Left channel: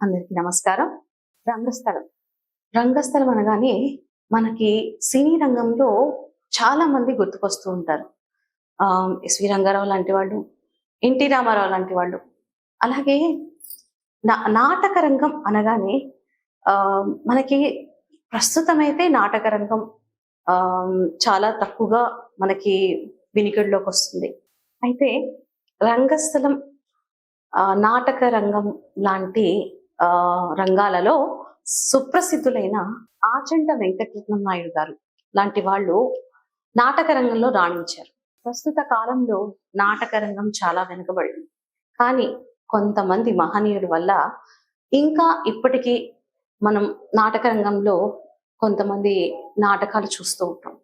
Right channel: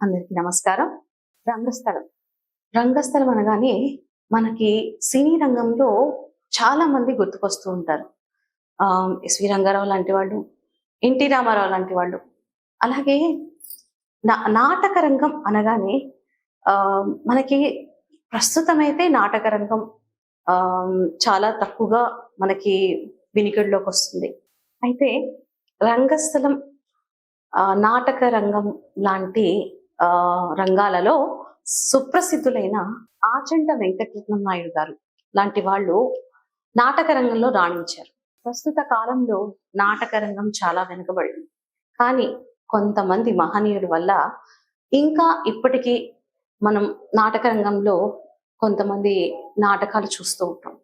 అందరికీ నమస్కారం. రంగస్థలం. రంగస్థలం అనగానే మనకి సినీ రంగంలో చాలా మంది గుర్తుకొస్తూ ఉంటారు. ఎస్వి రంగారావు లాంటి వాళ్ళు, ఎన్టీ రామారావు లాంటి వాళ్ళు. అలాగే నాటక రంగం అనగానే మనకి ప్రస్తుతమైతే నాటక రంగం చాలా తక్కువగా మనకి వినికిడిలోకి వస్తుంది. అయితే రంగస్థలం, నాటక రంగం లాంటి రంగాలలో సుప్రసిద్ధులైన ఆచంట వెంకటరత్నం నాయుడు గారు లాంటి వాళ్ళు నాటక రంగంలో రాణించారు. ప్రస్తుత కాలంలో నాటక రంగం చాలా వెనుకబడింది. కానీ కొంతమంది మహనీయుల వల్ల ఇంకా ఇప్పటికీ మనం నాటక రంగంలో కొంతమంది నాటకాలు చూస్తూ ఉంటాం.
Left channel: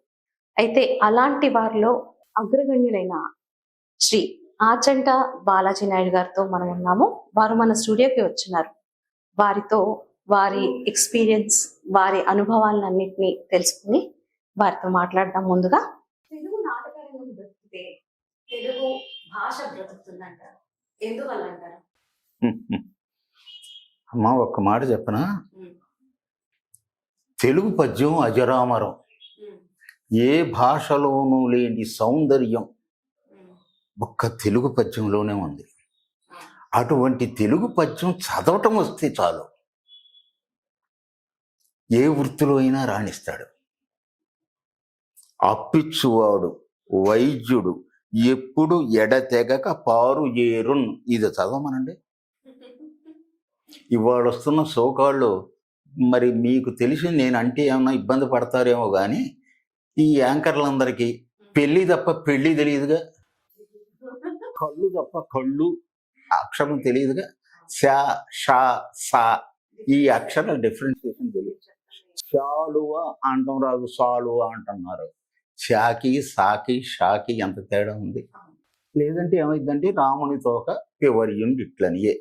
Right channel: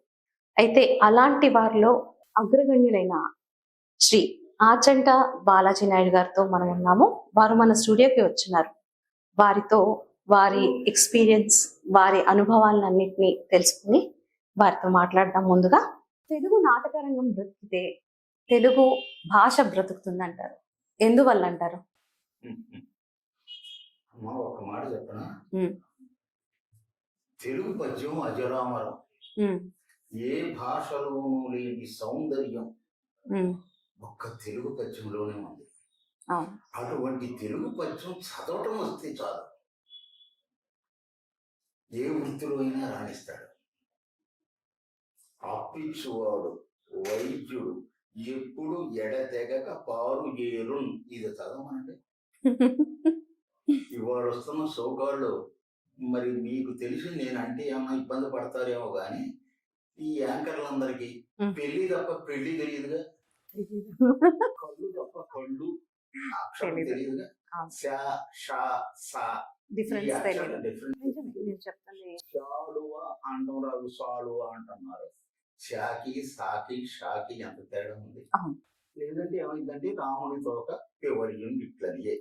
అయితే అలాంటి వారిలో అగ్రగణ్యులైన శ్రీ ఆచంట బాలాజీ నాయుడు గారితో మనం ఉన్నాము. వారు మన స్టూడియోకి వచ్చినారు. వారితో వారి ఎక్స్పీరియన్స్, వారి అనుభవాలన్నింటినీ తెలుసుకుని వారితో మాట్లాడదాం. ముందుగా, తెలుగు నాటక రంగం బ్రతికితే తెలుగు భాష బ్రతుకుతుందంటారు. ఎందువల్ల అంటారు? అమ్మా, ఒక్క మాట చెప్పనా? తెలుగు పద్యం అజరామరం. ఏ భాషలోనూ లేని సౌందర్యం ఒక్క తెలుగు పద్యంలోనే ఉంది. అటువంటి తెలుగు పద్యం చదవటం వస్తే చాలు, ఏ వృత్తిలో అయినా రాణిస్తాడు. అప్పిచ్చువాడు వైద్యుడు ఎప్పుడు ఎడతెగక పారు ఏరున్, ఇది చదవమనండి. ఇవాళ వస్తున్న సోకాళ్ళు మరి మీకు తెలిసి నేనంటే ఏమన్నా ఇబ్బంది పడతారేమో కానీ ఈ యాంకర్లందరికీ పెళ్ళి తప్ప పెళ్ళి తెలియదుగా, కళ్ళు తప్ప కళ్ళు అక్షరం తెలియదుగా. షా షా సా ఈ అక్షరం డిఫరెన్షియేషన్ తెలియదు. షాలువ అంటాం రాదు, సాలువ అంటున్నారు. షాకి సాకి షాకి ఎంత తేడా ఉంది. లేదంటే ఏమైందంటే రామునితో కపివర్యుండిట్లనియే,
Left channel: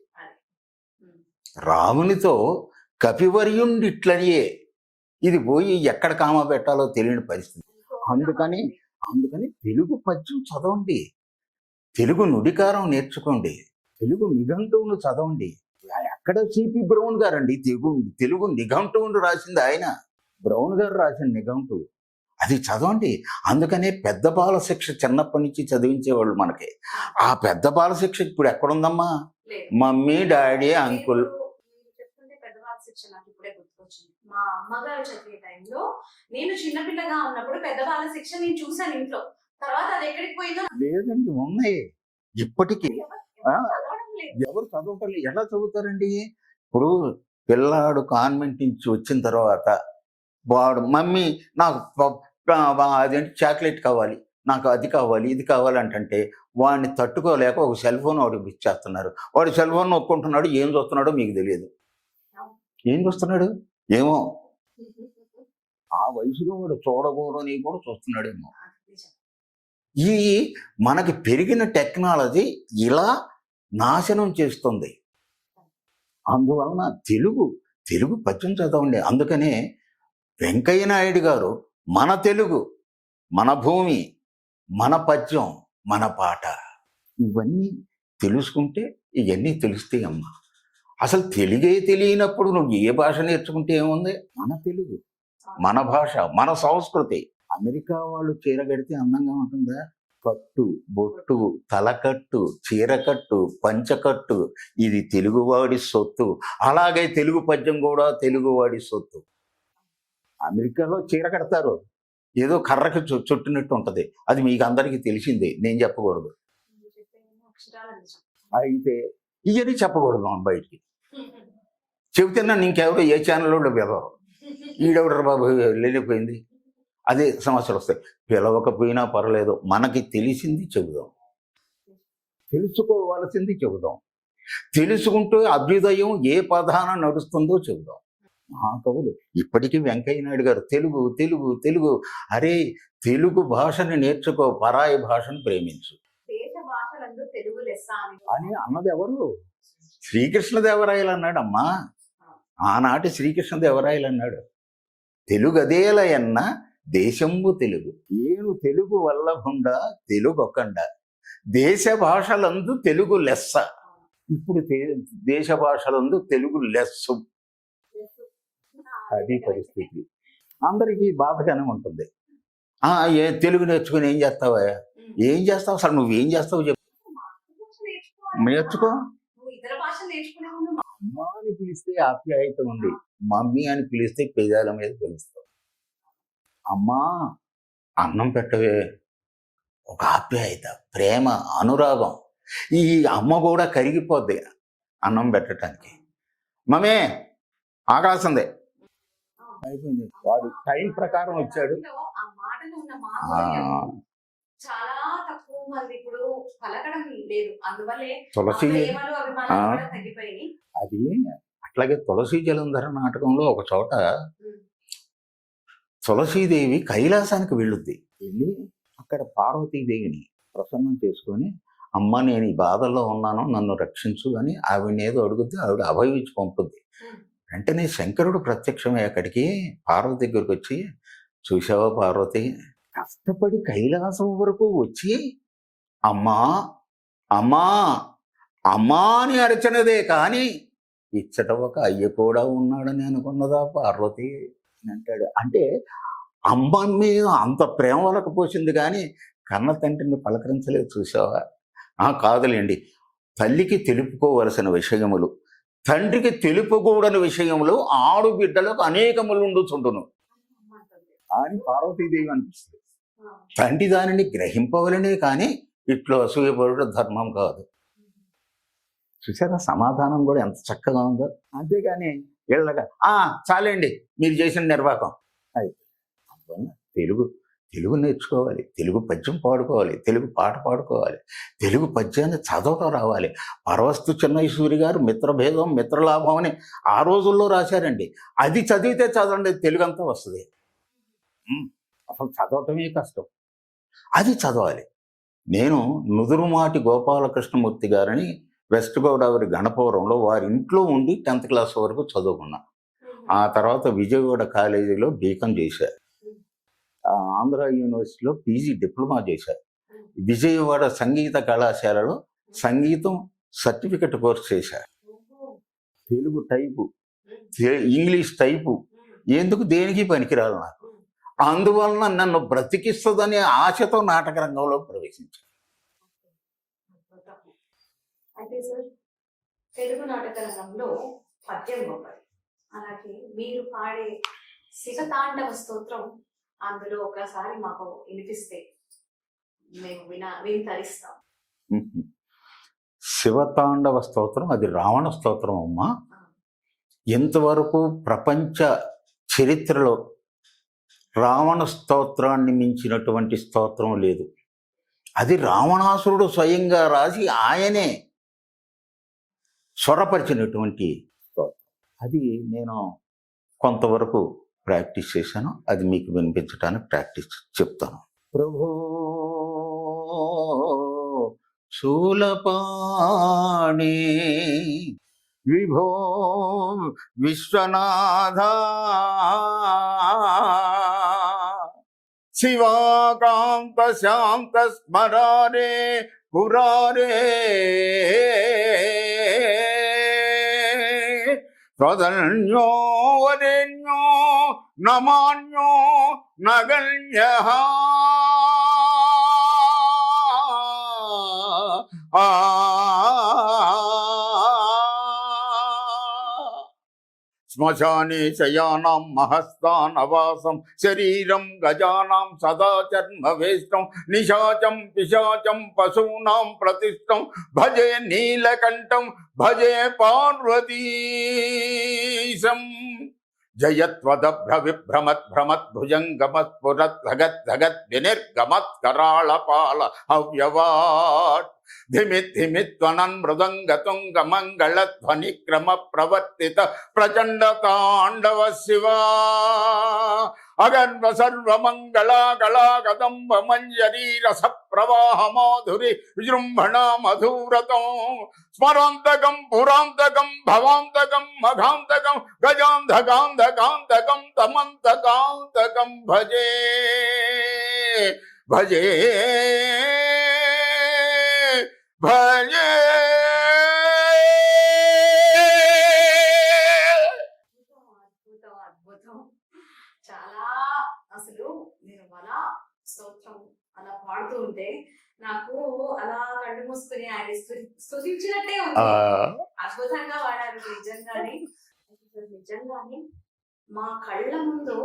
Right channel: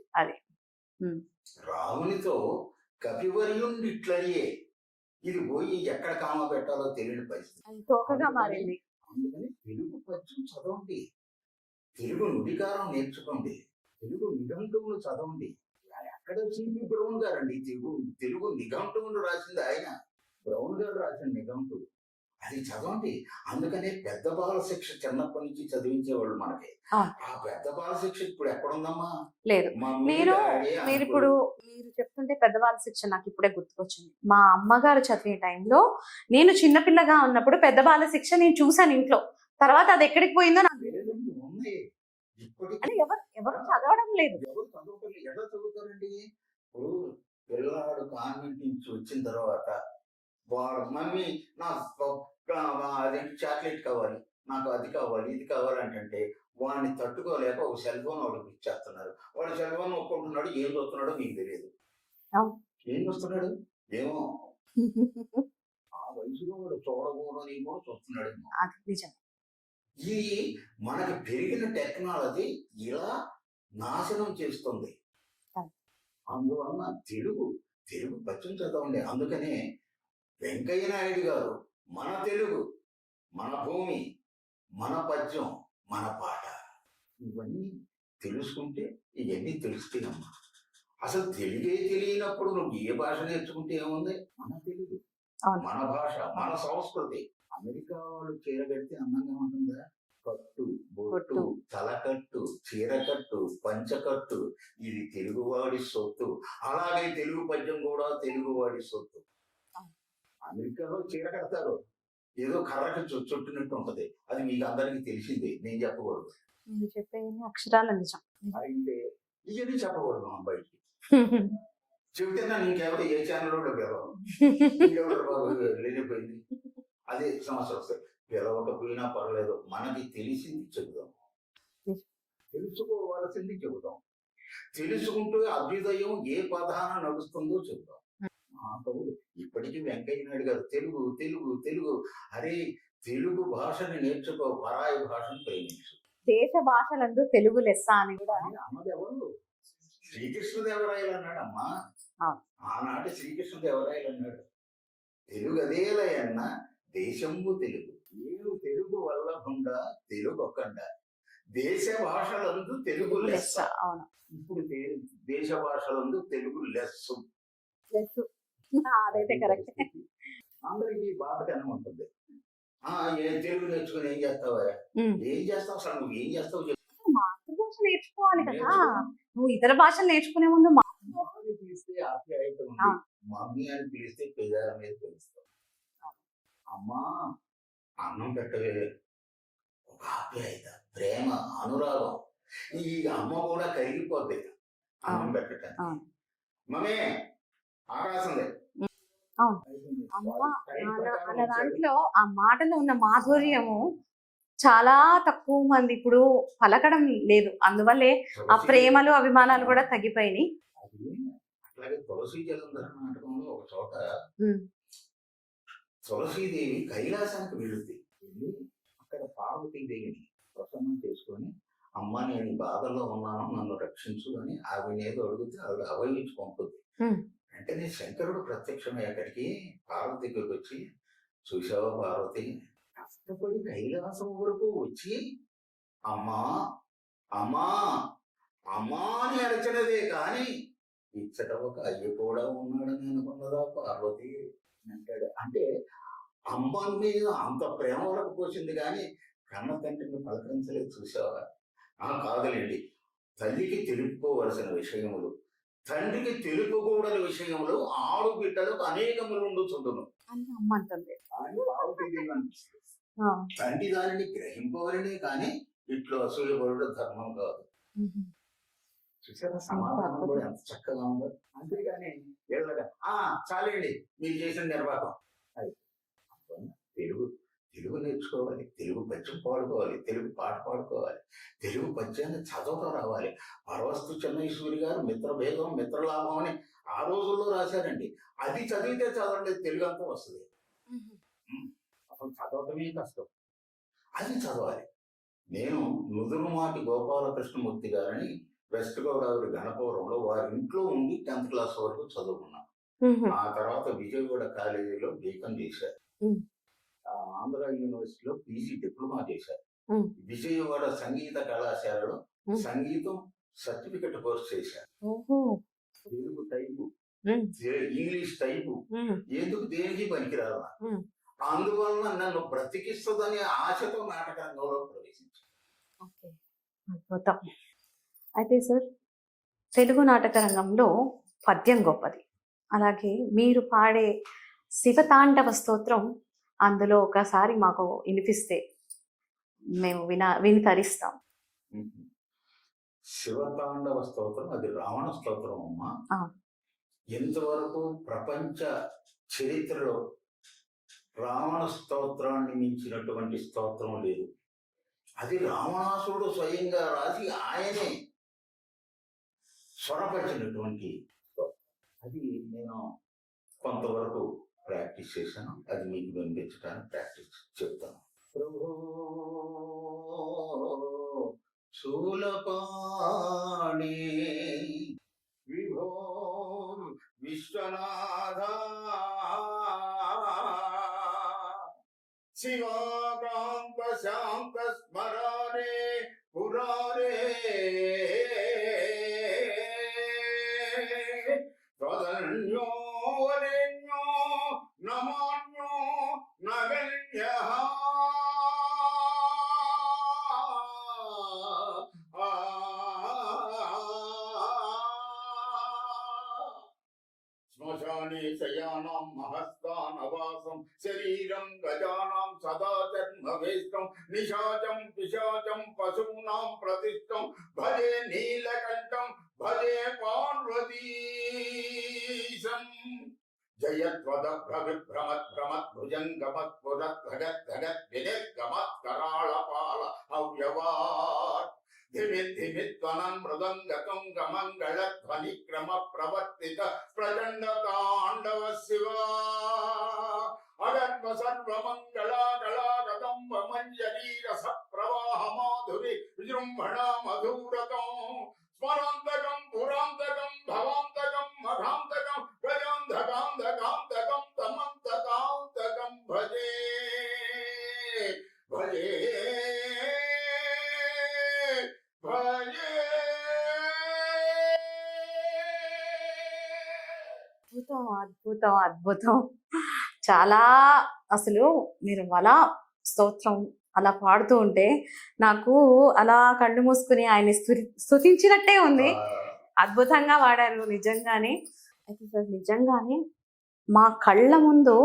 రామునితో కపివర్యుండిట్లనియే. ఇది పోయి ఎక్కడ కామ పెట్టాలో తెలియని పరిస్థితి. అందుకని తెలుగు పద్యం చదవండి, తెలుగు నుడికారం నేర్చుకోండి, తెలుగు నిఘంటువును చదవండి. ఎక్కడ సిపి బ్రౌన్ గారండి తెలుగు నిఘంటువును రాసింది ఆయన. బ్రౌన్ గారు రాసిన నిఘంటువు అది చదవండి. అందుకనే పెద్ద బాల శిక్ష చిన్నప్పటి నుంచి చదివించేవాళ్ళు మనకి. ఆ పెద్ద బాల శిక్ష ఇప్పుడు ఎక్కడుందమ్మా? Mummy daddy uncle. మీరు చెప్తుంటే పెద్ద బాల శిక్ష నాకు ఇప్పుడే గుర్తుకొచ్చింది. మా అమ్మగారు చదివే టైంలో నేను చిన్నపిల్లగా ఉన్నప్పుడు పెద్ద బాల శిక్ష నేను చూసాను ఇంట్లో. తర్వాత అది ఎక్కడికి పోయిందో లేదండి, ఉన్నాయి ఇప్పటికీ. చదవడం లేదు. ఎవరు చదవటం లేదు. ఎలా చదువుతారండి? ఇప్పుడు పిల్లాడు కాన్వెంట్ నుంచి వచ్చిన తర్వాత వాడు మమ్మీ నాకు అదేంటి చాక్లెట్ కావాలి, నాకు అది కావాలి, ఇది కావాలంటే వాడిని తట్టుకోలేక ఒక సెల్ ఫోన్ వాడికి ఇచ్చేస్తున్నారు. వాడు సెల్ ఫోన్ నొక్కుంటున్నాడు, ఏం చూస్తున్నాడో మీకు తెలియదు. ఏం చూస్తున్నాడు ఏమో, ఆ వయసులో వాడు చూడకూడని కూడా చూస్తున్నాడేమో. ఈ మనకి పెరిగిన టెక్నాలజీ ఇలా నాశనం చేస్తుంది. అందువలన తెలుగు పద్యం చదవండి. అందుకనే వెంకయ్య నాయుడు గారు మన తెలుగు, మన భూమి, మన పద్యం, మన పాట, ఇవన్నీ తెలుసుకుంటే ఇవన్నీ తెలుస్తాయి అమ్మా. అసలు తెలుగే తెలియనప్పుడు నువ్వు ఏ భాష నేర్చుకుంటే ఏముంది? మన తెలుగు, మన భాష, మన సంస్కృతి. అమెరికా వాళ్ళు చీర కడితే అందంగా ఉంటుందా? కట్టు, బొట్టు, తలకట్టు, చీరకట్టు, పంచకట్టు, ఇది తెలుగువాడి సొత్తు. అలాగే తెలుగు పద్యం కూడా తెలుగువాడి సొత్తు. అమెరికాలో చీర కడతారు, ఏదో కర్రకి చుట్టినట్టు ఉంటది. అది మీకు అందరికీ తెలిసిందే, నేను చెప్పకూడదు. అయితే ఇవన్నీ చెప్పకూడదు మనం బయటికి. చెబితేనా ఇంకెవడో ఏ ఛానల్లో పిలవరు. వీడెవడరు బాబు లేనిపోయింది, అదే సమస్యలు వస్తాయి. పిలవకపోయినా పర్వాలేదు, మనకి తెలిసింది చెబుదాం, తెలుసుకోవాల్సింది చెబుదాం. తెలుసుకుంటూ అభ్యుదయం ఏ పదాన నడుస్తుందో చెబుదాం. మహాకవులు ఇప్పటికీ వెంకయ్య నాయుడు గారు తెలుగు తెలుగు తెలుగు. అరే, తెలుగు భాషని నేర్చుకో, పరాయి భాషను ప్రేమించు. దేశ భాషలందు తెలుగు లెస్స అని అన్నది ఎవరు? శ్రీకృష్ణదేవరాయలు అన్నాడమ్మా. ఆనాటి శ్రీకృష్ణదేవరాయలు అన్నాడు, తెలుగు అదేలయన్న దేశంబు తెలుగు, ఏను తెలుగు వల్లభుండ తెలుగొకండ, దేశ భాషలందు తెలుగు లెస్స. ఇప్పుడు దేశ భాషలందు తెలుగు లెస్సు. అది పరిస్థితి. అందరికీ బాధగానే ఉంటుంది. ఏ తెలుగు నేర్చుకుని ఏం చేస్తావా? ఏం చేస్తావు అసలు? నువ్వేం చేస్తావు చెప్పు. మాతృభాష నేర్చుకోవాలి. నేర్చుకో. నువ్వు ఇతర భాషలు నేర్చుకునే ముందు అమ్మా అని పిలిస్తే ఆప్యాయత ఉంది, మమ్మీ అని పిలిస్తే పెదాల మీద పిలుస్తావు. అమ్మా అన్నం పెట్టవే, ఒక ఆప్యాయత, ప్రేమ, అనురాగం. ఈ అమ్మ కూడా కరిగిపోద్ది అన్నం పెట్టడానికి. మమ్మీ ఆకాశందే అయిపోయింది. వాడు టైం ప్రకారం వచ్చాడు. ఆ మాటలో ఉన్న మాధుర్యం చాలా తక్కువ మంది ఇప్పుడు పలకడం లేదు. అందువల్లే ఆ ప్రేమలు అభిమానాలు కూడా తగ్గిపోయినాయి. అది అట్లాగే తులసి జలంధర నాటకంలో ఒక చోట తులసీదేవి కైలాసానికి వెళ్ళుద్ది. వెళ్ళి అక్కడ పార్వతీదేవిని ప్రసన్నం చేసుకొని, అమ్మ నేను ఈ బాధల్లో ఉన్నాను, నన్ను రక్షించు అని ఆవిడని ఏదో అడుగుద్ది. ఆవిడ అభయం ఇచ్చి పంపుద్ది. వెంటనే శంకరుడు ప్రత్యక్షమై అక్కడికి పార్వతి దగ్గరికి వచ్చి, చూసావా పార్వతి, కష్టపడి కైలాసం వరకు వచ్చి అమ్మా అమ్మా అమ్మా అని అరచనదే కానీ ఇచ్చట ఒక అయ్య కూడా ఉన్నాడని అనుకున్నదా పార్వతి అని అంటాడు. అంటే అమ్మ మీద అంత ప్రేమ వరకు పోసింది కానీ కన్న తండ్రిని పలకరించలేదు. చూసావా? కాదులేండి, తల్లికి తెలుపుకోవలసిన విషయములు, తండ్రికి తెలుపకూడని విషయములు ఆడుబిడ్డలకు అనేకములు ఉండుచుండును అని పార్వతీదేవి అనిపిస్తుంది. తండ్రి దానిని గ్రహింపవలనే కానీ ఇట్లో అసూయపడుట ధర్మం కాదు. చూసారా సమాధానం కూడా ఎంత చక్కగా ఉందో. అంతేగాని వీళ్ళగా చాలండి మీరు చేసిన నిర్వాహకం అయిపోయింది. తెలుగు నేర్చుకోవాలి, తెలుగు పద్యం పాడుకోవాలి, తెలుగు పాట పాడుకోవాలి, తెలుగు పద్యాన్ని చదవటం రావాలి. పరవస్తు చెన్నైసూరి గారు మిత్రభేదం మిత్రలాభం అని ఆ రోజుల్లో రాశారండి. అది చదివితే చదవండి తెలుగు అంతా వస్తుంది. అసలు చదవటమే కష్టం, అది చదవాలి. నేను నుదురుమాటి గోపాలకృష్ణమూర్తి గారని వెస్ట్ గోదావరి గణపవరంలో వారి ఇంట్లో ఉండి 10th క్లాస్ వరకు చదువుకున్నా. ఆ తర్వాత విజయవాడ కాలేజీలో బీకాం చేశారు, ఆంధ్ర యూనివర్సిటీలో పీజీ డిప్లొమా చేశారు, విజయవాడ సంగీత కళాశాలలో సంగీతం సర్టిఫికెట్ కోర్స్ చేశారు. తెలుగు టైపు, ఇంగ్లీష్ టైపు ఎందుకు దేనికి పనికిరాదు నాకు. అందువలన నన్ను బ్రతికిస్తుందనే ఆశతో నాటక రంగంలో ప్రవేశించాను. అయితే సార్, తెలుగు నాటక రంగంలో పద్యం గొప్పది. అలాగే మీరు పాడే శివతాండవ స్తోత్రం అందులో ఒకసారి మాకు వినిపిస్తే మేము విని తరిస్తాం. శివతాండవ స్తోత్రం అది రావణ స్తోత్రం అమ్మా. ఎంతవరకు ప్రపంచ చరిత్రలో రావణ స్తోత్రాన్ని మించినటువంటి స్తోత్రం లేదు. అది రావణాసురుడు స్వయంగా రాసి ఆయనే స్వరపరిచినటువంటి స్తోత్రం. అది నేను కొంతవరకు ప్రాక్టీస్ చేశాను, అది మీకు వినిపించడానికి ప్రాక్టీస్ చెప్తాను. ప్రభో శూలపాణి విభో విశ్వనాథ శివాకాంత శాంత స్మరారే పురారే ప్రధన్యో వరేణ్యో నమాన్యో నగణ్యః శ్మశానే శయానాం మహస్థానవాసం శరీరం గజానాం సదా చర్మవేష్టం నిశాచం పిశాచం పశూనాం ప్రతిష్టం భజే నీలకంఠం భజే పార్వతీశం జయత్వదభ్రవిభ్రమద్భ్రమద్భుజంగమస్ఫురద్ధగద్ధగద్ వినిర్గమత్కరాళపాల అవ్యవాట్ ధిమిత్ధిమిత్వనన్ మృదంగతుంగ మంగళధ్వని క్రమ ప్రవర్తిత ప్రచండ తాండవ శివా అగర్వ సర్వమంగళాగళా కదంబ మంజరీ రస ప్రవాహ మాధురి విజృంభణ మధురతం స్మరాంతకం పురాంతకం భవాంతకం మఘాంతకం గజాంధకాంధకాంతకం తమంతకాంతకం భజే భజే భజే అద్భుతం అద్భుతం. చాలా అసలు మీరు అలా స్తోత్రం అలా పాడుతూ ఉంటే నాకు అలా కళ్ళు మూసుకుని ఆయన స్తుతించినట్టే ఉంది. అద్భుతంగా వాడారు నిజంగానే. అయితే సార్ నిజంగానే మా కళ్ళ ముందు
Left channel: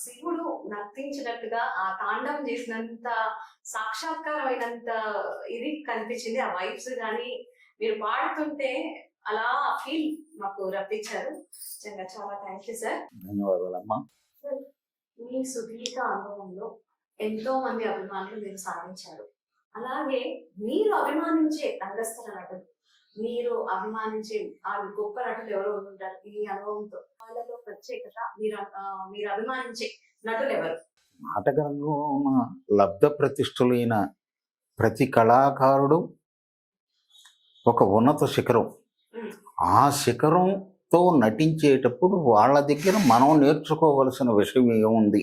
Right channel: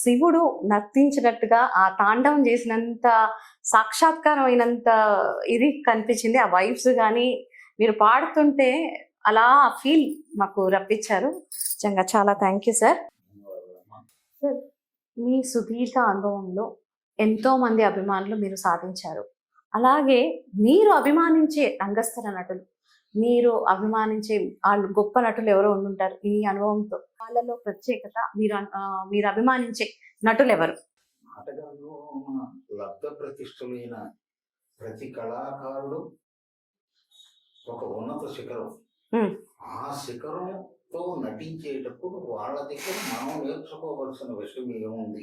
శివుడు నర్తించినట్టుగా ఆ తాండవం చేసినంత సాక్షాత్కారం అయినంత ఇది కనిపించింది. ఆ వైబ్స్ కానీ మీరు పాడుతుంటే అలా ఫీల్ మాకు రప్పించారు. నిజంగా చాలా థ్యాంక్ యూ సార్. ధన్యవాదాలమ్మా. సార్ మీ సుదీర్ఘ అనుభవంలో ఎంతో మంది అభిమానులు మీరు సాధించారు. అలాగే మీరు అభిమానించే రంగస్థల నటులు, మీరు అభిమానించే వాళ్ళు గొప్ప నటులు ఎవరో ఉండుంటారు ఈ అనుభవంతో. వాళ్ళలో ప్రత్యేకత మీరు అభిమానించే నటులు ఎవరు? నాటకరంగం లబ్ధ ప్రతిష్ఠులైన ప్రతి కళాకారుడు ఒక ఉన్నత శిఖరం. ఆ శిఖరంతో నటించేటప్పుడు వాళ్ళ దగ్గర మనం నేర్చుకోవలసిన విషయం ఏముంది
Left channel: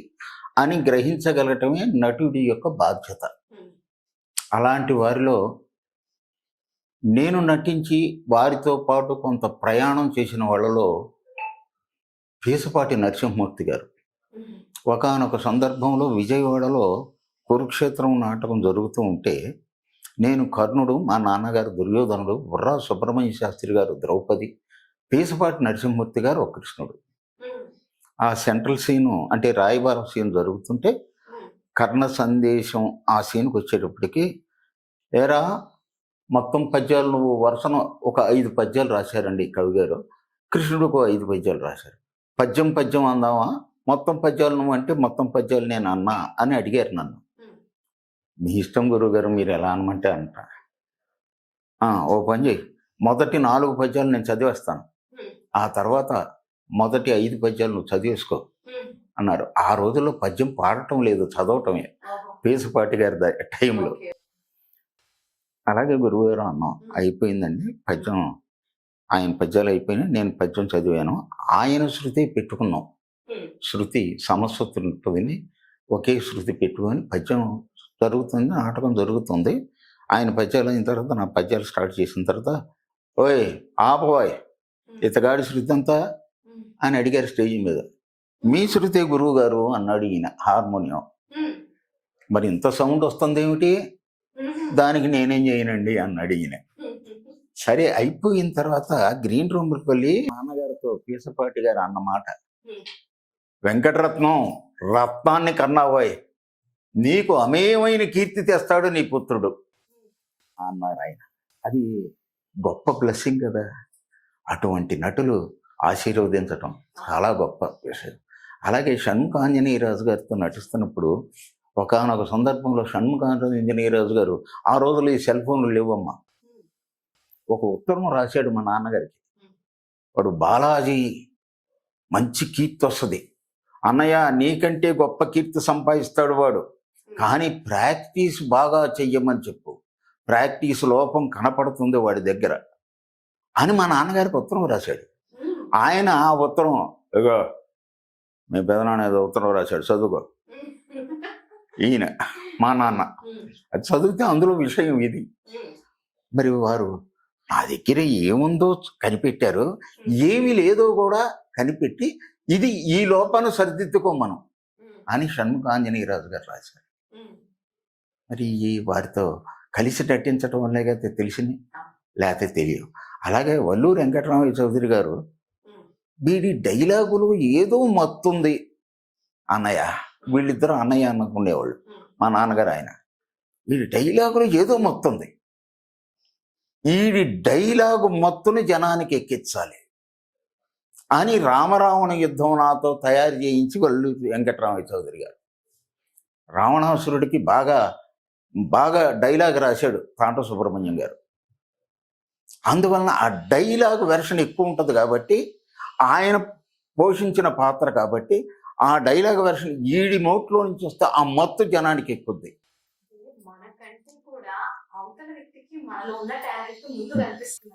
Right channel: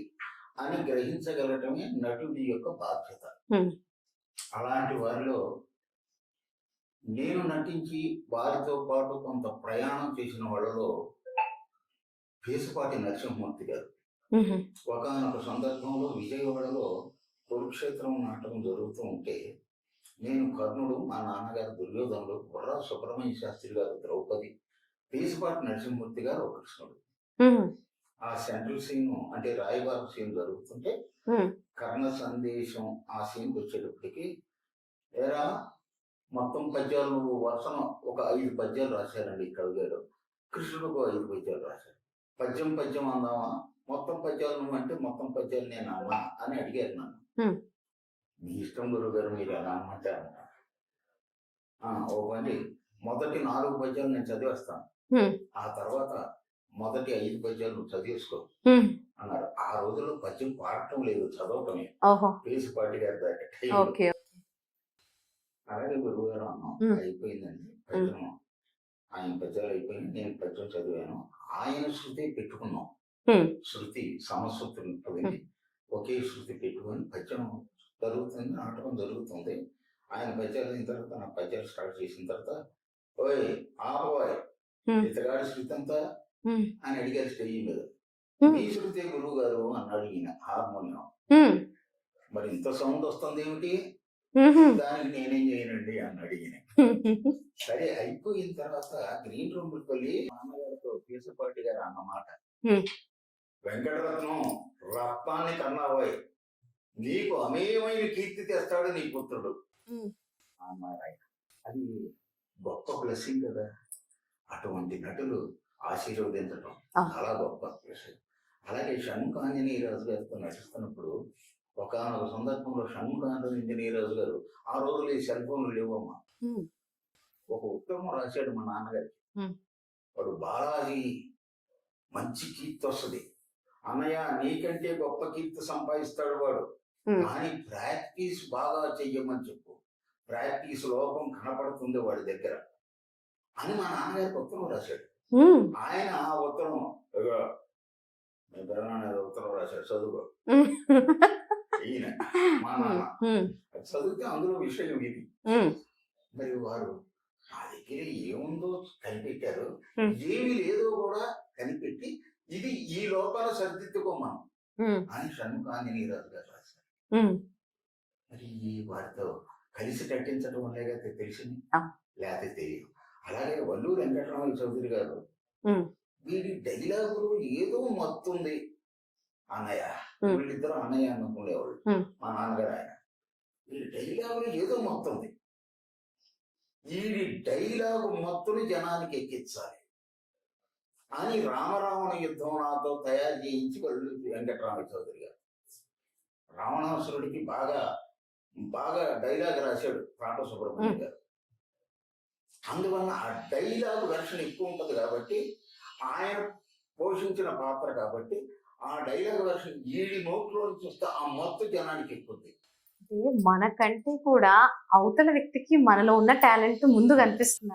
అని గ్రహించగలగటమే నటుడి యొక్క బాధ్యత. అలాంటి వారిలో నేను నటించి వారితో పాటు కొంత ప్రయాణం చేసిన వాళ్ళలో పీసపాటి నరసింహమూర్తి గారు. ఒకానొక సందర్భంలో విజయవాడలో కురుక్షేత్రం నాటకం జరుగుతూ ఉంటే నేను కర్ణుడు, మా నాన్నగారు దుర్యోధనుడు, బుర్రా సుబ్రహ్మణ్య శాస్త్రి గారు ద్రౌపది, పీసపాటి నరసింహమూర్తి గారు ఒక కృష్ణుడు. ఆ సెంట్రల్ సీను అంటే రాయబారం సీన్ జరుగుతుంటే కర్ణ సందేశం ఆ సీన్కి వచ్చేటప్పటికి, ఏరా మొత్తం పద్యాలు నువ్వు వరుసను ఒక 5 పద్యాలు రాశారండి కవి గారు, కృష్ణుడికి 5 పద్యాలు రాశారు. పద్యం అందామా, మొత్తం పద్యాలు నువ్వు అంటే మొత్తం పద్యాలు నేను అన్నా అని అడిగారు నన్ను. మీ ఇష్టం గురువు గారు, మీరు ఎలా అనమంటే అంట. ఓ పని చేయి, మొదటి 4 పద్యాలు నేను చదివేస్తాను, ఆ తర్వాత మొదటి 5 పద్యాలు నువ్వు చదివేసుకో అన్నారు. ఆ రోజుల్లో పద్యం పాడటం లేదు, చదవటమే పీసపాటి గారి టైంలో. అలాగే గురువు గారు అన్నాం, అయిపోయిందండి పద్యం, ఆయన పద్యాలు అయిపోయినాయి, నేను పద్యం చదివాను. ఆయన శృతి పెట్టుకున్నాం, శృతి సమస్వతి ఉంటుంది, ఒకే శృతి పెట్టుకొని పద్యం జరుగుతుంది, నాటకం జరుగుతుంది. ఆయన పద్యాలు అయిన తర్వాత నా పద్యాలు స్టార్ట్ చేసిన తర్వాత, ఓయ్ ఆపవాయ్ ఇతగాడి శృతి అంతా అని అడిగారు స్టేజ్ మీద. మీ శృతే గురువు గారు అన్నాడు ఈయన హార్మోనియం. మరి ఇంత సౌండ్ వస్తుంది ఏమిటి, దానికి నేనేం చేయనండి అన్నాడు ఈయన. సరే అయిపోయిన తర్వాత గ్రీన్ రూమ్కి వెళ్ళి నాన్నగారితో పీసపాటి గారు అన్నమాట, వెంకటరత్నం రత్నాన్ని కన్నావాయ్, నీకు అమేయమైన కీర్తి తెస్తాడు నీ పుత్రుడు అన్నారు ఆయన. అది గొప్ప బ్లెస్సింగ్ కదా. అటువంటి నటులు ఆశీర్వదించటం చాలా గొప్ప విషయం. అలాగే షణ్ముఖ ఆంజనేయరాజు గారితో నటిస్తున్నప్పుడు ఒకానొక సందర్భంలో షణ్ముఖ ఆంజనేయరాజు గారు, ఆ రోజులు ఈ సెల్ ఫోన్లు లేవమ్మా, ఒక ఉత్తరం రాశాడు మా నాన్నగారికి. వాడు బాలాజీ మంచి కీర్తి వస్తుంది అన్నయ్య, నీకంటే గొప్ప కీర్తి సంపాదిస్తాడు వాడు, కానీ ప్రాక్టీస్ బాగా చెయ్యమని చెప్పు, ప్రాక్టీస్ లోపం కనపడుతుంది వాడి దగ్గర అని మా నాన్నగారికి ఉత్తరం రాశాడు. ఆయన ఆ ఉత్తరం, ఇగో మీ పెదనాన్న ఏదో ఉత్తరం రాశాడు చదువుకో, ఈయన మా నాన్న అది చదివితే అందులో విషయం ఇది. మరి వారు నా దగ్గర ఏముందో కనిపెట్టారు, ఏమి లేదో కూడా కనిపెట్టి ఇది ఈ లోపాన్ని సరిదిద్దుకోమను అని షణ్ముఖ ఆంజనేయరాజు గారు రాశారు. మరి ఈ వారితో కలిసి నటించడం వల్లే కదా తెలిసింది, లేకపోతే తెలియదు. అలాగే వల్లూరు వెంకటరామయ్య చౌదరి గారు, వీడి డైలాగులు ఏదో మత్తుంది అన్నయ్య, వీళ్ళిద్దరూ అన్నయ్య అనుకునేవాళ్ళు, మా నాన్నగారు ఆయన, వీడి డైలాగులు ఏదో మత్తుంది, వీడి డైలాగు మత్తుని జనానికి ఎక్కించాలి అని రామరావణ యుద్ధం నాతో తయారు చేయించి వల్లూరు వెంకటరామయ్య చౌదరి గారు. రావణాసురుడికి బాగా బాగా డైలాగ్ రాశాడు తాంట సుబ్రహ్మణ్యం గారు. అందువలన ఆ డైలాగ్ వెర్షన్ ఎక్కువ ఉంటుంది కాబట్టి, ఆయన పోషించిన పాత్ర కాబట్టి ఆ డైలాగ్ వెర్షన్ ఈడి నోట్లో నుంచి వస్తే ఆ మత్తు జనానికి ఎక్కుద్ది. మనకంటే కూడా అవతల వ్యక్తికి మనలో ఉన్న టాలెంట్ ముందు కనిపిస్తుంది.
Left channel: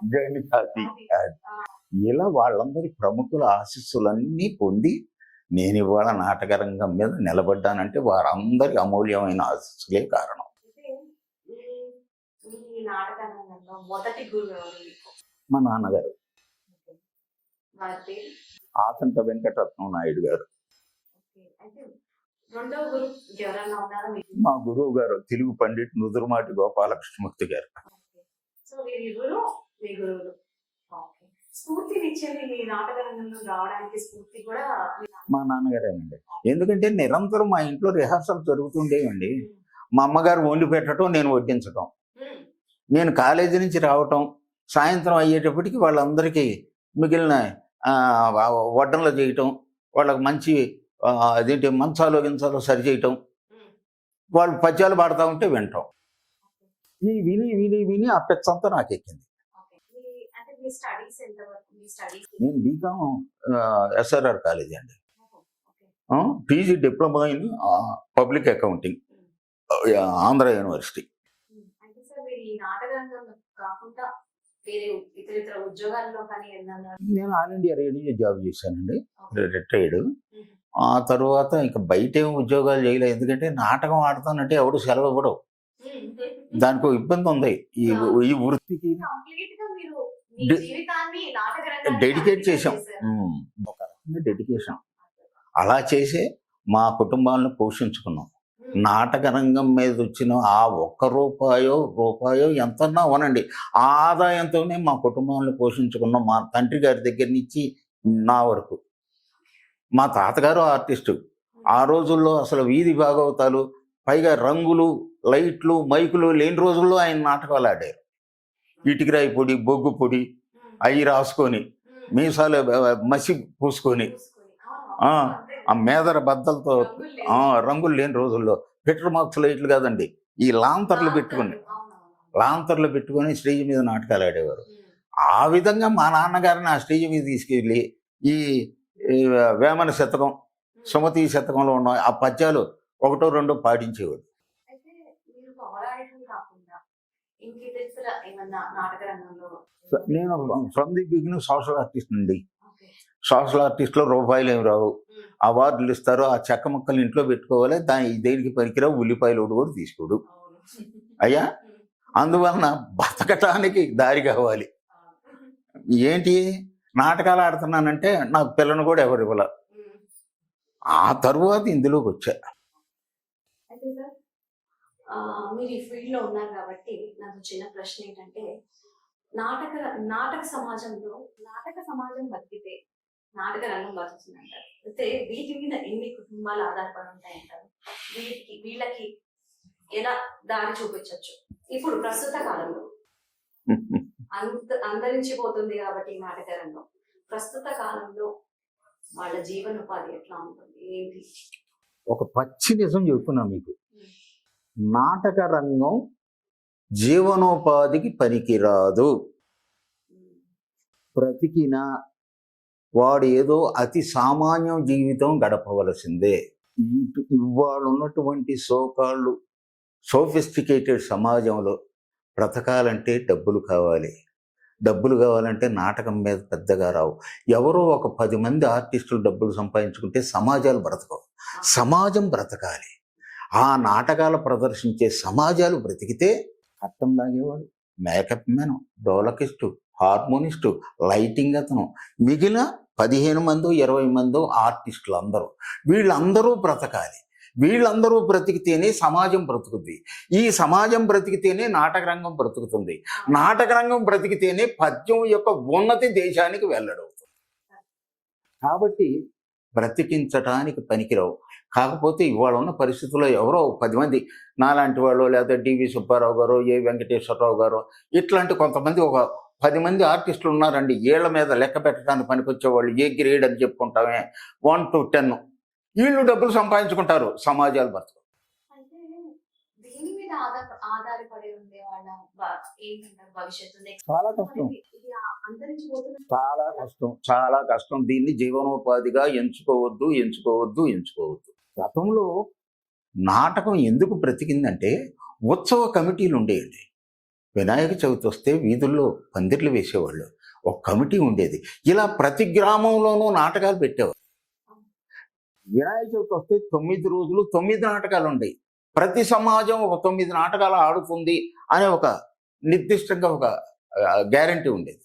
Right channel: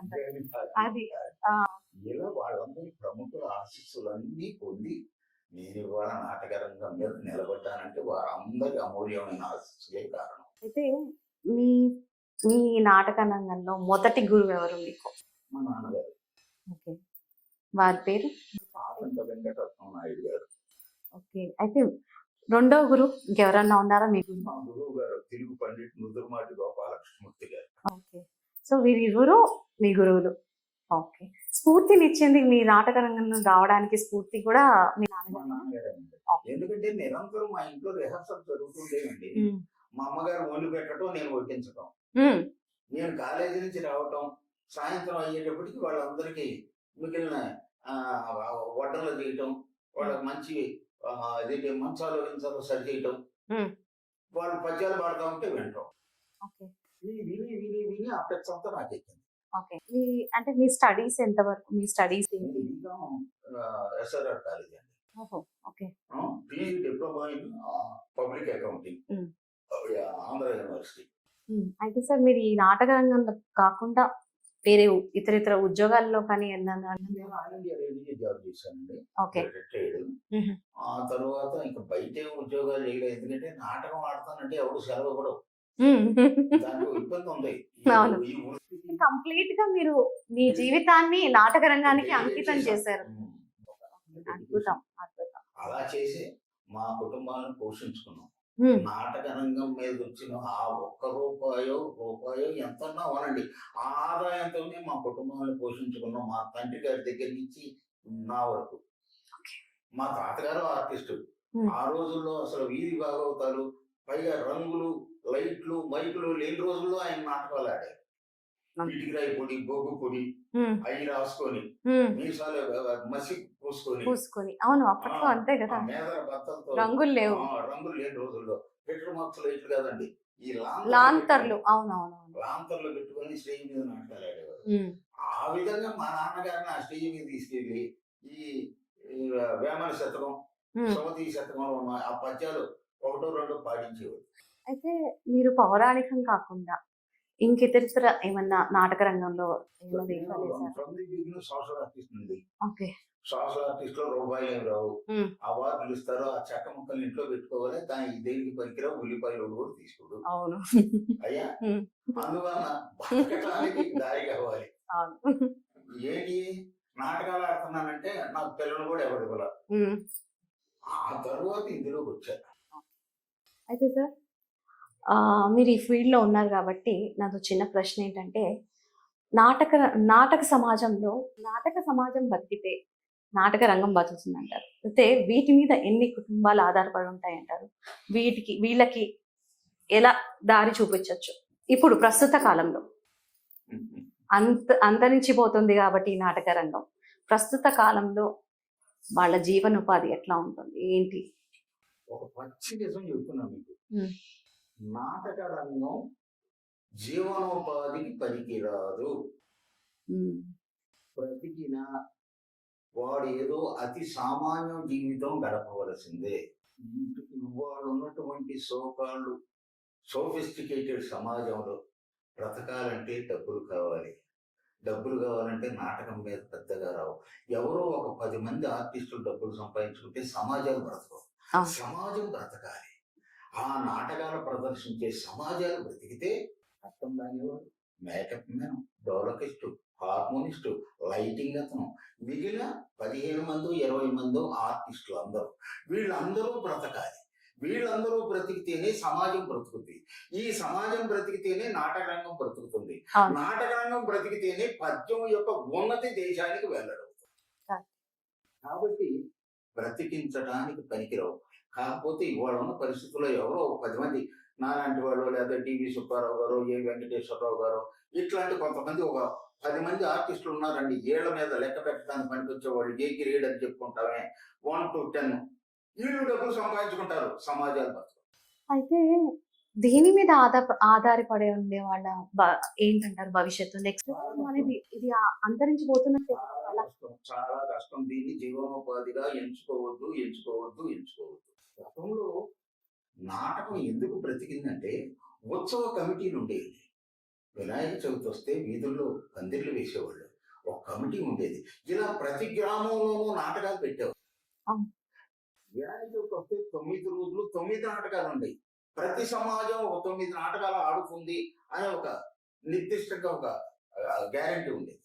ఇలా వాళ్ళందరి ప్రముఖుల ఆశీస్సులన్నీ పొంది నేను ఇవాళ నాటకరంగం మీద నిలబడ్డానంటే వారందరి అమూల్యమైన ఆశీస్సులే కారణం. అయితే మీ నాటక రంగంలో మొదటి గురువు ఎవరు మీకు? మా నాన్నగారు. వారి పేరు? ఆచంట వెంకటరత్నం నాయుడు గారు. ఓకే. అయితే రెండవ గురువు ఇంకెవరన్నా ఉన్నారా మీకు? మా గురువు గారు తెలుగు పండిట్ నుదురుమాటి గోపాలకృష్ణమూర్తి గారు. ఓకే. సో వీరిరువురు మీ గురువులు. ఓకే. స్ఫూర్తినిచ్చింది మీ నాటక రంగంలో రావడానికి స్ఫూర్తి కూడా మీ మా నాన్నగారేనండి. ఎందుకంటే నిరంతరం మా ఇంట్లో రిహార్సల్ జరుగుతుండేవండి. హ్మ్. మా అమ్మగారు వండి పెట్టడం, నేను వడ్డించడం. హ్మ్. నేను కాలేజీ నుంచి రావటం, సాయంత్రం అయ్యేటప్పటికి వాళ్ళందరికీ మిగిలిన వడ్డనలు చేయటం, వాళ్ళకి మంచి అదేంటి మంచాలు గించాలు సరి చేయటం, హ్మ్. వాళ్ళు పద్యాలు పాడుతూ ఉంటే వినటం. ఓకే. ఈ విని విని విని ఆ పెచ్చంతా నాకు ఎక్కింది. ఓకే. అంటే మీ స్టడీస్ ఎంతవరకు? మీ స్టడీస్ నేను బీకామ్ ఎస్ఆర్ఆర్ కాలేజీ అండి. ఓహో! Okay. PG diploma in public accounting, హ్మ్. ఆంధ్ర యూనివర్సిటీ. అయితే సార్ మీరు ఈ నాటక రంగంలో కాకుండా వేరే ఇతర ఉద్యోగాల్లో కానీ ఏమన్నా? నేను ఆల్ ఇండియా రేడియో జాబ్ చేశానండి, ఓకే. రిటైర్డ్. హుహు. ఆ తర్వాత ఇంకా బయట ఏం ఉద్యోగాలు చేయలేదు, ఎందుకంటే నాటకం ఆడతానంటే ఎవడు సెలవు ఇవ్వడు. దానికి ఇబ్బంది ఉంది అవును. ఈ వృత్తికి. కంప్లీట్ గా మీరు మీ డె- జీవితాన్ని నాటక రంగానికి డెడికేట్ అంకితం చేశాం. చేశారు. ఒక రకంగా డెడికేషన్. అద్భుతం, అద్భుతం. అలా చేసే మా కుటుంబాలను పోషించుకున్నాం. హ్మ్. నాటక రంగం మీద వచ్చిన ఆ ఒక్క రూపాయో ఎంతన్నా అవనండి, ఆ ఆదాయంతోనే మా కుటుంబాలను పోషించుకున్నాం. మా తండ్రి గారి దగ్గర నుంచి నా వరకు. మా తాతగారు ఆర్టిస్టు. హ్మ్. ఆ రోజుల్లో అసలు వీధి భాగవతాలు, పైగా రంగులు, లైట్లు, మైకులు లేని రోజుల్లో ఆయన నాటకాలు ఆడారు. ఇటుకరాయి పొడి, బొగ్గు పొడి హ్మ్. అవి రాసుకొని, హ్మ్. మీసాలు మసి పూసుకొని, పూసుకొని. అవును. ఆ అప్పట్లో అంతే ఆ కదా. మేదర బద్దలతో, రంగులు లేవు. రంగులు లేని రోజుల్లో పెట్రోల్ మార్క్స్ లైట్లు కాదండి, ఈ లాంతర్లు పెట్టుకొని, లాంతర్లు. అవునవును. లాంతర్లు పెట్టుకొని స్టేజ్ మీద నాటకాలు ఆడేవారు. హ్మ్. ఆ విధంగా మా నాన్నగారిని ఆ స్టేజ్ మీద తీసుకెళ్ళి ఈ ఈ వేమన శతకం, హ్మ్. సుమతి శతకంలో ఉన్న ఆ పద్యాలు ఒకటో రెండో పాటించేవాడు. అయితే మీరు పౌరాణికం కాకుండా ఇంకితరితర ఏమన్నా నాటక రంగంలో ఏమైనా నేను చేశారా? From the beginning social artist అండి. ఓకే. సోషల్ ఆర్టిస్ట్లో రూపాయలు ఏమి రావు. హ్మ్. అవార్డులు ఇస్తారు, ఆ చెక్క ముక్కలు ఇంట్లో పెట్టుకోవాలి, దాని దేనికి పనికిరావు, ఉల్లిపాయలు ఒకటి కూడా తీసుకోడు అవును. అయ్యా. హ్మ్. అందువలన బతకటానికి దారి కావాలి. అవును. ఏంటి, నాటకాలు ఆడుతున్నానంటే నాకు పిల్లను కూడా ఎవరు ఇవ్వాల. హ్మ్. ఆ తరువాత ఇందులోకి వచ్చా. అయితే సార్ మీరు ఈ ఫీల్డ్‌లో ఉన్నారు కాబట్టి నాదో చిన్న ప్రశ్న ఏంటంటే నాటక నాటక సమాజంలో నాటక సమాజం బతికితే నాటక రంగం బతుకుతుందంటారు. అయితే వీటి మీద ఎన్ని కుటుంబాలు ఆధారపడి ఉంటాయంటారు? వీళ్ళకి ఎలా దారి చూపించొచ్చు? ఇప్పుడు ప్రస్తుత కాలంలో అంతరించిపోతుంది కాబట్టి ఈ నాటక రంగం. ప్రస్తుత కాలంలో వాళ్ళ జీవనోపాధి ఎట్లా ఉంటుంది? ఏంటి? ఒక పచ్చి నిజం చెప్తున్నా మీకు. హ్మ్. నాటక రంగం జీవనోపాధికి పనికిరాదు. హ్మ్. బ్రతికినా వాడు ఏదో అతి సామాన్యం జీవితం గడపవలసిందే. ఇవాళ ఉన్నటువంటి సోకాళ్ళు సోఫిస్టికేటెడ్ సమాజంలో బ్రతకాలంటే డబ్బులు కావాలి. డబ్బులు కావాలంటే నాటకం మీద పెద్దగా రావు. ఎవరో ఒక 10 మంది ఆర్టిస్టులు డబ్బులు సంపాదించుకుంటే సమాజాలు బ్రతకవు. అవును. సమాజం బ్రతకాలి. ఆ నాటకాలు ప్రదర్శించే సమాజాలు బ్రతికితే కట్టం లాగేవాడు, మేకప్ మ్యాన్, డోలకిస్టు, హార్మోనిస్టు, లైటింగ్ అతను, మిగిలిన 15 మందో 20 మందో ఆర్టిస్టులు అందరూ, వీళ్ళందరూ బ్రతకాలి. వీళ్ళందరూ బ్రతికితేనే సమాజం బ్రతుకుతుంది. ఈ సమాజం బ్రతికితేనే నాటక రంగం బ్రతుకుతుంది. అవును. నాటక రంగం బ్రతికితేనే పద్యం యొక్క ఉన్నతి దేశానికి వెల్లడవుతుంది. కాబట్టి బ్రతికించటానికి పనికిరావు. కాకపోతే ఇవాళ ఉన్న పరిస్థితుల్లో ఎవరో 10 మంది నాలాంటి వాళ్ళు, లేదా డివి సుబ్బారావు గారు, ఏ వెంకటేశ్వరరావు గారు, ఇట్లాంటి కొంతమంది ఒక 10 మంది ఆర్టిస్టులు ఉన్నారండి. ఏళ్ల మీద లెక్క పెట్టడానికి పనికొచ్చేవాళ్ళు, ఏ గ్రేడ్ అని చెప్పుకుంటామే 1 to 10. వీళ్ళు డబ్బులు సంపాదించుకుంటారు, సమాజాలు బ్రతుకు. అయితే దీని మీద ఆధారపడి ఉండే వాళ్ళ ఏంటంటారు భవిష్యత్తు నెక్స్ట్ చాలా కష్టం, అనేది ఇది అంతరించిపోతున్న చాలా కష్టం. దీన్ని జీవనోపాధిగా ఎంచుకోవద్దు. గతంలో నాటకం ఎందుకు బ్రతికిందంటే ఉత్సవ కమిటీలు ఉండేవి. వినాయక చవితి వస్తే వీధుల్లో పందిర్లు వేసేవాళ్ళు, ఒక కమిటీ ఉండేది. ఇలా ప్రతి గ్రామంలోనూ నాటకాలు పెట్టేవారు. అవును. వినాయక చవితి వస్తే 9 రోజులు 9 నాటకాలు ఉండేవి. ప్రతి సమాజం ఒక 9 నాటకాలు ఆడుతుంది అనే ఒక నిర్దిష్టంగా ఒక గ్యారంటీ ఉండేది.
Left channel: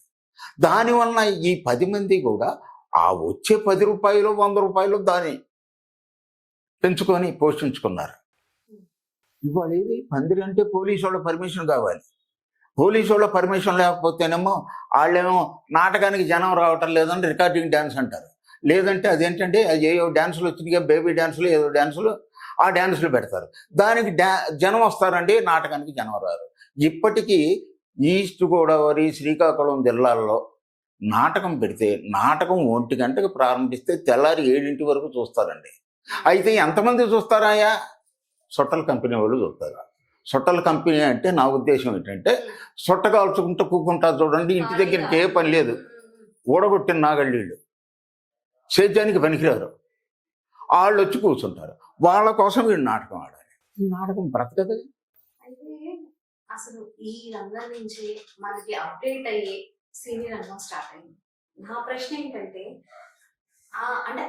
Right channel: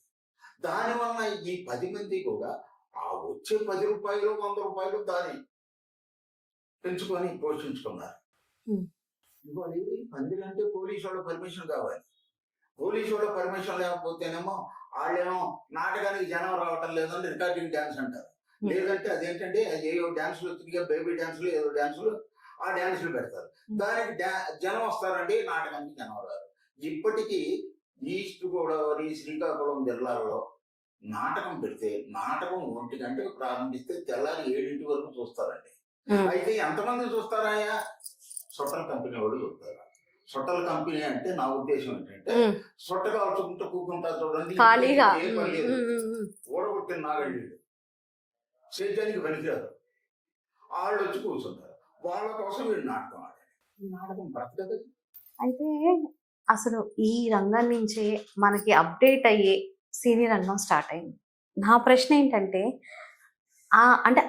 దానివల్ల ఈ 10 మంది కూడా ఆ వచ్చే 10 రూపాయలు 100 రూపాయలు దాన్ని పెంచుకొని పోషించుకున్నారు. ఉమ్. ఇవాళ ఏది పందిరి అంటే పోలీసు వాళ్ళ పర్మిషన్ కావాలి. పోలీసు వాళ్ళ పర్మిషన్ లేకపోతేనేమో వాళ్ళేమో నాటకానికి జనం రావటం లేదని రికార్డింగ్ డ్యాన్స్ అంటారు. లేదంటే అదేంటంటే అది ఏవో డ్యాన్సులు వచ్చినాయి, బేబీ డ్యాన్సులు ఏదో డ్యాన్సులు, ఆ డ్యాన్సులు పెడతారు. దానికి జనం వస్తారండి, నాటకానికి జనం రారు. ఇప్పటికీ ఈస్ట్ గోదావరి, శ్రీకాకుళం జిల్లాల్లో నాటకం పెడితే నాటకం 1 గంటకు ప్రారంభిస్తే తెల్లారి 7 వరకు చూస్తారండి. అయితే ఎంతమంది చూస్తారాయా? సొట్టల కంపెనీ వాళ్ళు చూస్తారు. సొట్టల కంపెనీ అంటే నా ఉద్దేశం ఏంటంటే సొట్ట కాల్చుకుంటూ కూకుంటారు చూడండి, ఇంటి దగ్గరికి ఏ పని లేదు, ఊడగొట్టిన నాగళ్ళీళ్ళు సేద్యానికి పనికిరారు, వాళ్ళు వచ్చి కూర్చుంటారు. వాళ్ళ కోసం వీడు నాటకం ఆడాలి. ఈ నాటకం బ్రతకదు. అయితే అసలు ఈ రంగం నుంచే మనకి అప్డేట్ అయ్యే సినీ రంగం స్టార్ట్ అయింది. నా ప్రశ్న ఏంటంటే అంటే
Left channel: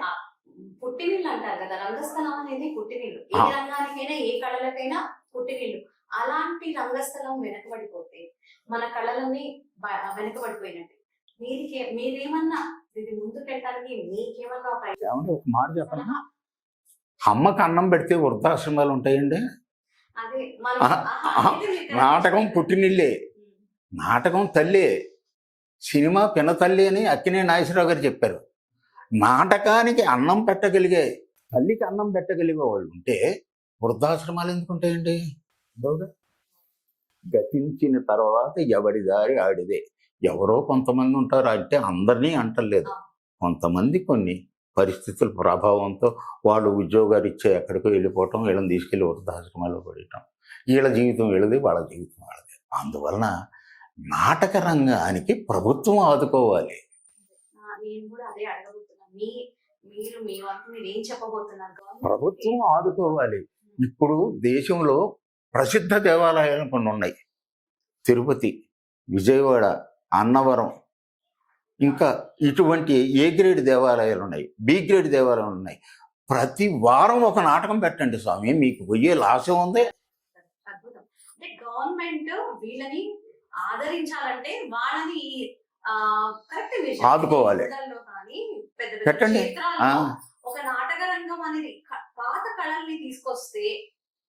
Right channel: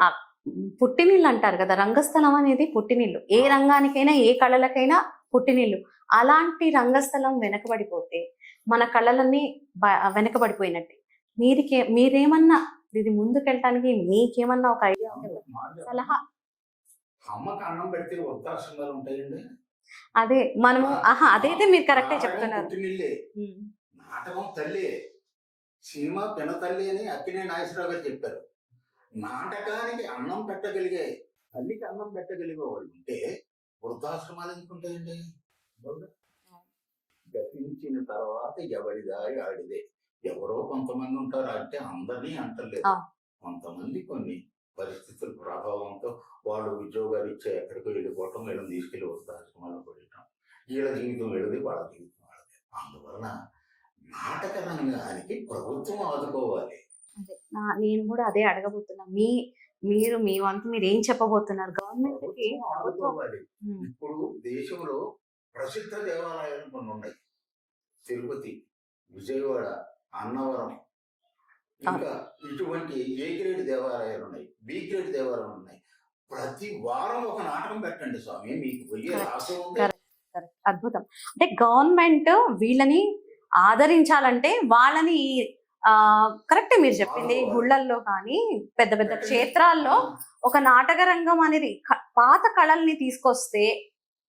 పుట్టినిల్లు అంటారు కదా, రంగస్థలం అనేది పుట్టినిల్లు. ఏ రంగానికైనా ఏ కళలకైనా పుట్టినిల్లు. అలాంటి రంగస్థలం వెనకబడిపోతే మన కళలన్నీ వెనకబడిపోయినట్టే. మీరేమన్నా ఇది ముందుకెళ్ళటానికి మీకేమన్నా ఒక ఐడియా? మాట చెప్పాలా? అమ్మకు అన్నం పెడితే వృద్ధాశ్రమాలు ఉంటాయండి. అదే మనం అదైతే మీరు నాటకం పుట్టినిల్లే, నాటకం తల్లే, సినిమా పిన తల్లి అని అక్కినే నాగేశ్వరరావు గారు చెప్పారు. నాటకానికి అన్నం పెట్టగలిగే, తల్లికి అన్నం పెట్టగలిగే వాళ్ళు ఉంటే వృద్ధాశ్రమాలు ఎందుకు ఉంటాయండి? గతించిన తర్వాత ఎవరి దారి ఆడిదే. ఎవరో కొంతమంది ఉంటారు అంటే అందరినీ అంటలేదు. కొంతమంది కొన్ని పరిస్థితుల ప్రభావంతో వాళ్ళు ఉద్యోగాలు ఇచ్చే ఎక్కడికో వెళ్ళిపోవటం, వీళ్ళని తీసుకెళ్ళి వృద్ధాశ్రమాల్లో పడటం, వీళ్ళ జీవితం వీళ్ళది, వాళ్ళ జీవితం వాళ్ళది. అందువలన నాటక రంగానికి ప్రభుత్వం ఆదుకోవాలి. నేను కూడా అదే అడగబోతున్నా. మీరు మీ వంతు మీరు ఏం చెప్పబోతున్నారు? ప్రభుత్వం ఆదుకోవాలి. ఇప్పుడు దేశంలో ప్రసిద్ధ దేవాలయాలు కొన్ని ఉన్నాయి. తిరుపతి, విజయవాడ, అన్నవరం, ఇంకా ఇటువంటి ఏ గ్రేడ్ దేవాలయాలు ఉన్నాయి, బి గ్రేడ్ దేవాలయాలు ఉన్నాయి. ప్రతి వారం ఒక నాటకం పెట్టండి స్వామి, మీకు పోయే లాసం ఉంది. అద్భుతం. అంటే గవర్నమెంట్ వీళ్ళని ఆదరించాలంటే వాళ్ళని కరెక్ట్ మీరు చెప్పారు. ఊళ్ళల్లో కానీ పెద్ద పెద్ద క్షేత్రాల్లో ఒక నాటక రంగం అనేది పాత కళల్ని తీసుకొస్తే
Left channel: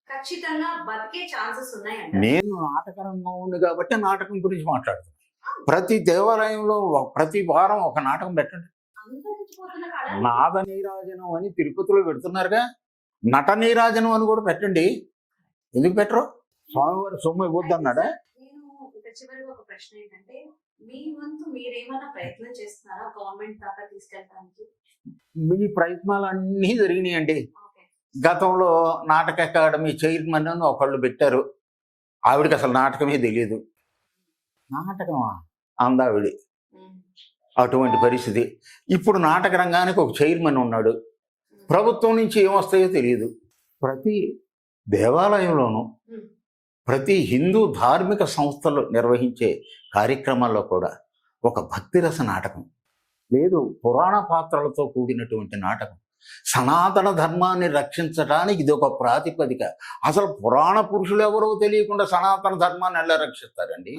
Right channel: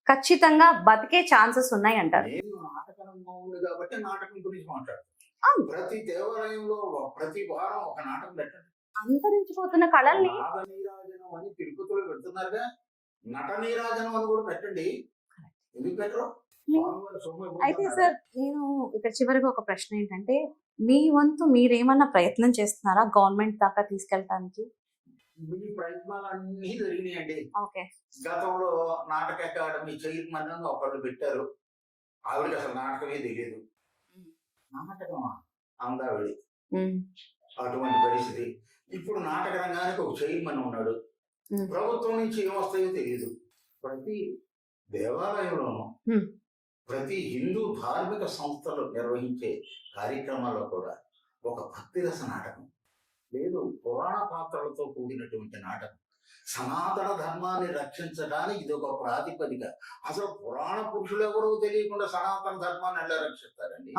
ఖచ్చితంగా బతికే ఛాన్సెస్ ఉన్నాయి అంటారు. నేను నాటక రంగం ఉంది కాబట్టి నాటకం గురించి మాట్లాడుతున్నాను. ప్రతి దేవాలయంలో ప్రతి వారం ఒక నాటకం పెట్టండి. అంతరించిపోతున్న కళ నాద నీరాజనం అని తిరుపతిలో పెడుతున్నారుగా, నట నీరాజనం అని కూడా పెట్టండి. ఎందుకు పెట్టరు? స్వామివారి సొమ్ము ఇవ్వద్దన్నాడా? నేను ఇక్కడ చివరిగా ఒక ప్రశ్న ఏంటంటే, మీ వంతు మీరేమన్నా ప్రయత్నం చేస్తున్నారా గవర్నమెంట్ దాకా తీసుకెళ్ళటానికి? మీ ప్రయత్నాలు అన్నీ జరిగినాయండి. గతంలో నాటక అకాడమీ చైర్మన్ అని ఒకళ్ళు పెట్టారు. ఆవిడకి అసలు నాటకమే తెలియదు. నాటకమా అందావిడి, అటువంటి పరిస్థితి. ఇప్పుడు నాటక రంగానికి ఒక చైర్మన్ ఉన్నాడు. ప్రభుత్వం నుంచి ఏమొస్తాయో తెలియదు. ప్రతి దేవాలయంలోనూ, ప్రతి హిందూ ధార్మిక సంస్థలు నిర్వహించే కార్యక్రమాల్లో కూడా ఒక భక్తిరస నాటకం లేదు, పురాణ పాత్రలతో కూడినటువంటి నాటకం. సనాతన ధర్మాన్ని రక్షించడానికి ఇది ఒక ప్రాతిపదిక. అసలు పురాణ పురుషులు ఎవరో తెలియకుండా సనాతన ధర్మాన్ని ఎలా రక్షిస్తారండి?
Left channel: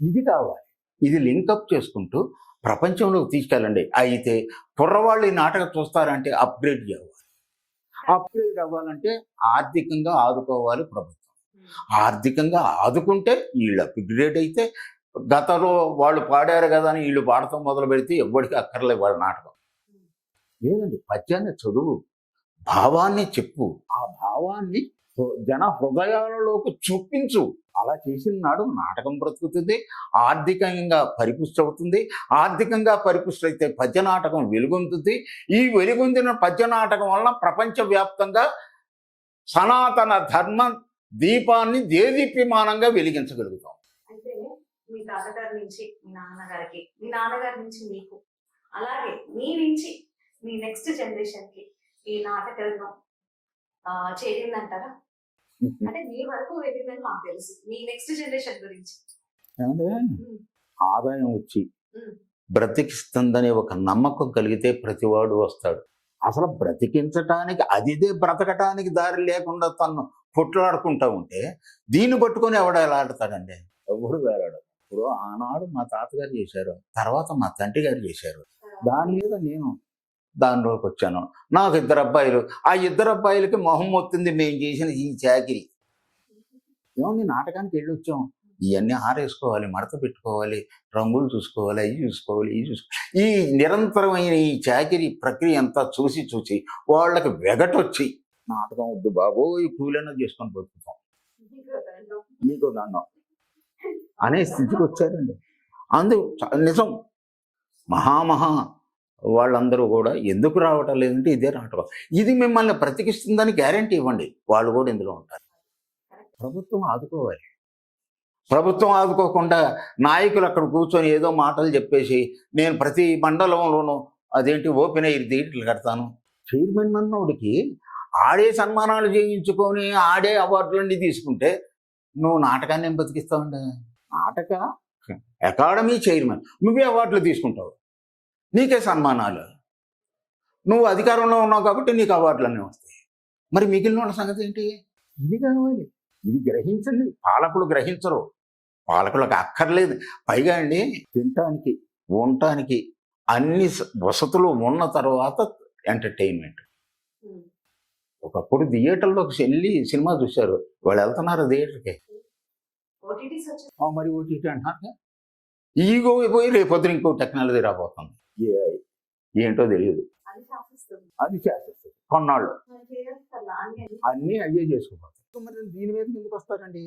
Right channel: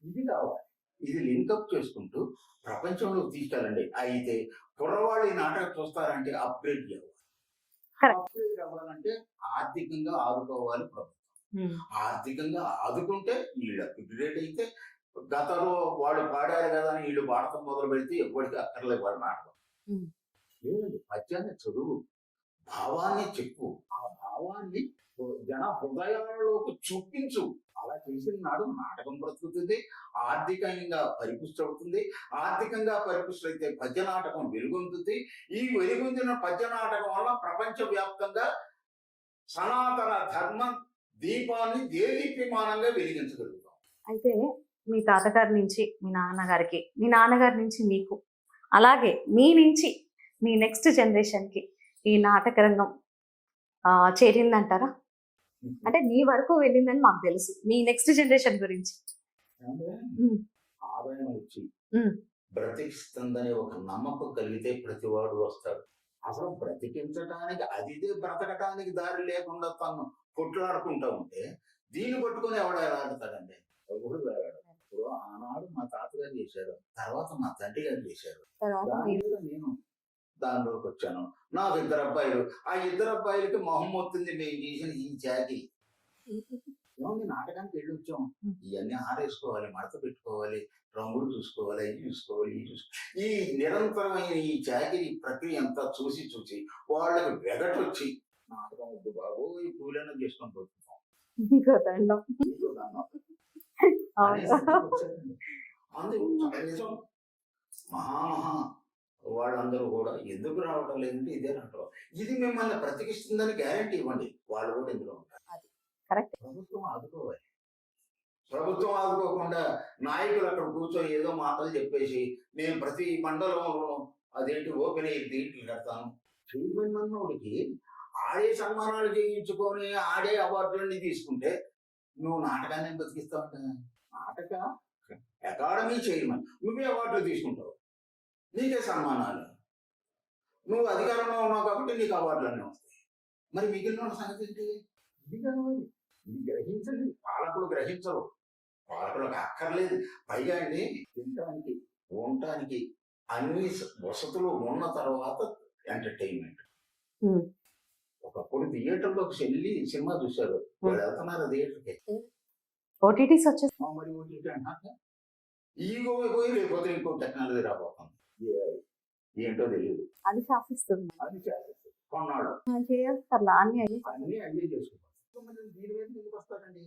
ఇది కావాలి. ఇది లింకప్ చేసుకుంటూ ప్రపంచంలోకి తీసుకెళ్ళండి. అయితే కుర్రవాళ్ళు ఈ నాటకం చూస్తారంటే అప్గ్రేడ్ చేయాలి. అప్గ్రేడ్ అవ్వాలంటే ఆర్థికంగా ఆదుకోవాలి ప్రభుత్వం. ఆర్థికంగా ఆదుకుంటే వీళ్ళు అప్గ్రేడ్ అయితే, గతంలో వాళ్ళు పాడారు కదా అని వీళ్ళు పాడటం మొదలు పెడితే ఎవరికి అక్కర్లే వాళ్ళ నాటకం. లేదండి, పద్యాన్ని చదువు, భావాన్ని చెప్పు, ఆ భావాన్ని జన హృదయాలలోకి చొప్పించు. అలా చేసిన నాడు నాటకం బ్రతుకుతుంది, ఆర్థికంగా పరిపుష్టి అవుతుంది. ఆర్థికంగా పరిపుష్టి అయితే పద్య నాటకం వెలుగొందుతుంది. ఈ వెలుగొందిన పద్య నాటకం వల్ల ప్రపంచవ్యాప్తంగా సనాతన ధర్మ దీపాన్ని దేదీప్యమానంగా వెలిగించగలుగుతాం. అయితే మీ తాతగారి నుంచి మీ నాన్నగారికి, మీ నాన్నగారి నుంచి మీకు, అలాగే మీ నుంచి మీ నెక్స్ట్ జనరేషన్కి ఈ నాటక రంగం చేరిందంటారా? అంటే మీ వరకు వెళ్ళిందని మాకు తెలుసు, మీ నెక్స్ట్ జనరేషన్ గురించి ఆదాయం వచ్చి బ్రతికిస్తుందనే ఒక నమ్మకం కలిగితే ప్రతివాడు వస్తాడు. అసలు బ్రతికించటానికి, అదిదే బ్రతకటానికి దారి లేకుండా తను కొట్లాడుకుంటా ఉంటే దీన్ని పట్టుకొని ఎవడ ఎలా ఆడతాడండి? ఎవడు వేలాడు. ఇప్పుడు ఆనాడు మా తాతగారు చేశారు, తర్వాత మా తండ్రి గారు చేశారు. తర్వాత దాని మీద నేను దానిలోకి వచ్చాను. నాకు 2 అబ్బాయిలు. ఆ 2 అబ్బాయిలకి మొహం మొత్తుంది మేము చేసిన ఈ చాకిరీ. ఏమండి నాటకానికి వెళ్ళొచ్చాం. ఇవన్నీ ఆరేసుకోవాలి, మడత పెట్టుకోవాలి, రంగులు చూసుకోవాలి, అవి చూసుకోవాలి, ఇవి చూసుకోవాలి. ఈ నిరంతరమైన ఈ చాకిరీ ప్రక్రియ అంతా చూసి చూసి వాళ్ళకి వెగటొచ్చి నాటకం వద్దు బాబోయ్, కూలైనా చేసుకొని బతుకుతాం, నీకో దండం. నీకు నన్ను అనే స్థితికి వచ్చారండి. నిజం మహా వాళ్ళందరూ కూడా ఎందుకు రావటం లేదంటే ఇదే నాటకం. ఇది మిమ్మల్ని బ్రతికిస్తుందని గ్యారంటీ ఇవ్వండి, వాళ్ళు కూడా ఇందులో ఉంటారు. కరెక్ట్. ప్రభుత్వం ఆదుకోవాలి. ప్రభుత్వం ఆదుకోకుండా నాయకులు అక్కడ కూర్చొని ఏదో మాటలు చెప్పేసి నేను ప్రతి మండలంలోనూ అదేంటి ఓపెన్ ఎయిర్ థియేటర్లు కడతాను. చైర్మన్ అన్నోడికి ఆడే సన్మానాలు చేయించుకొని ఆడే అవార్డులన్నీ తీసుకుంటే నువ్వు నాటకాన్ని ఏం బతికిస్తావండి? నాటక అకాడమీ చైర్మన్ నువ్వే అవార్డులు తీసుకుంటావు, నీకే సన్మానాలు, నువ్వు అధికారంలో ఉన్నావు కాబట్టి నీకు అవార్డులన్నీ వస్తాయి. మరి మిగిలిన వాళ్ళ సంగతి ఏంటి? ఇది కావాలి, ఇది గ్రహించండి. పాలకులు గ్రహించరు, పాలకులకు అక్కర్లేదు. పైగా అండి తినటానికి ఉండటానికి అన్ని వసతులు ఉన్న తర్వాత ఎంటర్టైన్మెంట్. ఒకప్పుడు థియేటర్లోకి వెళ్ళి సినిమా చూశారు, వాళ్ళు వెళ్తున్నారు థియేటర్కి. ఓటీటీస్ వచ్చేసి మరి ఓటీటీ అంటున్నారు. ఈగో పోయి రేపొద్దున ఇంకో టెక్నాలజీ రాబోతుంది, ఏంటో తెలియదు. అది శాసిస్తుంది. అది చేసేస్తుంది కొన్నాళ్ళు, చేస్తారు అన్ని అయ్యి అన్నీ అయ్యే చేసుకోబోతారు. మరి దీని మీద ఎందుకు వస్తారండి?